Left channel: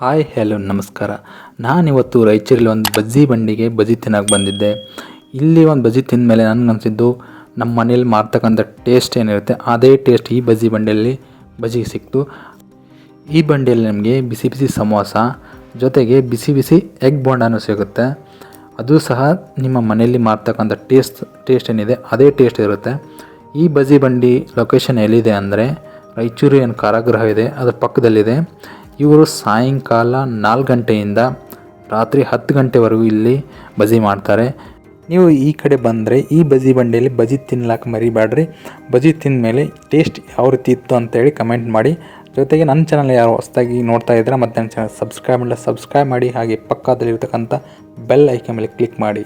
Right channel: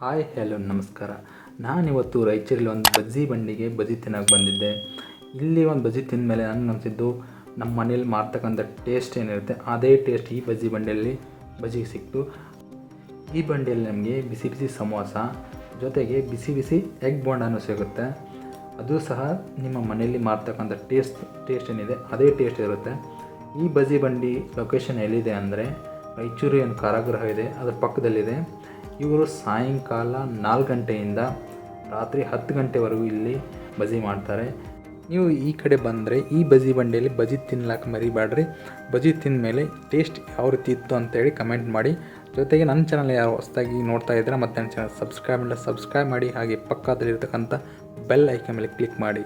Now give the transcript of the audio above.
Hi hello ನಮಸ್ಕಾರ. ನಾನಿವತ್ತು ರಾಯಚೂರಲ್ಲಿ ಒಂದು ಬಜ್ಜಿ ಬಂಡಿಗೆ ಬಜ್ಜಿ ತಿನ್ನೋಕೆ ಬಂದಿದ್ದೆ. ಇಲ್ಲಿ ಒಂದು ಬಜ್ಜಿ ತಿಂದ ಮೇಲೆ ನನಗನ್ಸಿದ್ದು ನಮ್ಮ ಮನೇಲಿ ಮಾಡ್ತಕ್ಕಂಥ ಟೇಸ್ಟ್ ಏನಿರುತ್ತೆ ಅದೇ ಟೇಸ್ಟ್ ಈ ಬಜ್ಜಿ ಬಂಡಿಯಲ್ಲಿ ಬಜ್ಜಿ ಸಿಕ್ತು. ಈ ಬಂಡಿಯಲ್ಲಿ ನಮಗೆ ಬಿಸಿ ಬಿಸಿ ಸಮೋಸ ಜೊತೆಗೆ ಬಿಸಿ ಬಿಸಿ ಎಗ್ ಬೋಂಡಾನು ಸಿಗುತ್ತೆ. ಅದು ಸಹ ನಿಮ್ಮ ಮನೆಯಲ್ಲಿ ಮಾಡ್ತಕ್ಕಂಥ ಟೇಸ್ಟ್ ಏನಿದೆ ಅದೇ ಟೇಸ್ಟ್ ಇರುತ್ತೆ. ಈ ಬಜ್ಜಿ ಬಂಡಿ ಲೊಕೇಶನ್ ಎಲ್ಲಿದೆ ಅಂದರೆ ರಾಯಚೂರು ಏನು ಕಾರಾಗೃಹ ಇದೆ ಅದರ ಪಕ್ಕದಲ್ಲಿದೆ. ಇವರು ಸಾಯಂಕಾಲ 4 ಗಂಟೆಯಿಂದ ರಾತ್ರಿ 10 ಗಂಟೆವರೆಗೂ ಇಲ್ಲಿ ಬಜ್ಜಿ ಮಾಡ್ತಾರೆ. ನೀವು ಈ ಕಡೆ ಬಂದರೆ ಈ ಬಜ್ಜಿ ಬಂಡಿಯಲ್ಲಿ ಬಜ್ಜಿ ತಿನ್ನಲಾಕ ಮರಿಬೇಡ್ರಿ. ಬಜ್ಜಿ ತಿಂದ ಮೇಲೆ ಟೇಸ್ಟ್ ಯಾವ ರೀತಿ ಇತ್ತು ಅಂತೇಳಿ ಕಮೆಂಟ್ ಮಾಡಿ. ಜೊತೆಗೆ ನನ್ನ ಚಾನಲ್ ಯಾರು ಹೊಸದಾಗಿ ನೋಡ್ತಾ ಇದ್ದರೆ ಮತ್ತು ನನ್ನ ಚಾನಲ್ ಸಬ್ಸ್ಕ್ರೈಬ್ ಮಾಡಿ, ಹಾಗೆ ಪಕ್ಕದಲ್ಲಿರ್ತಕ್ಕಂಥ ಬೆಲ್ ಐಕಾನ್ ಮೇಲೆ ಕ್ಲಿಕ್ ಮಾಡಿ.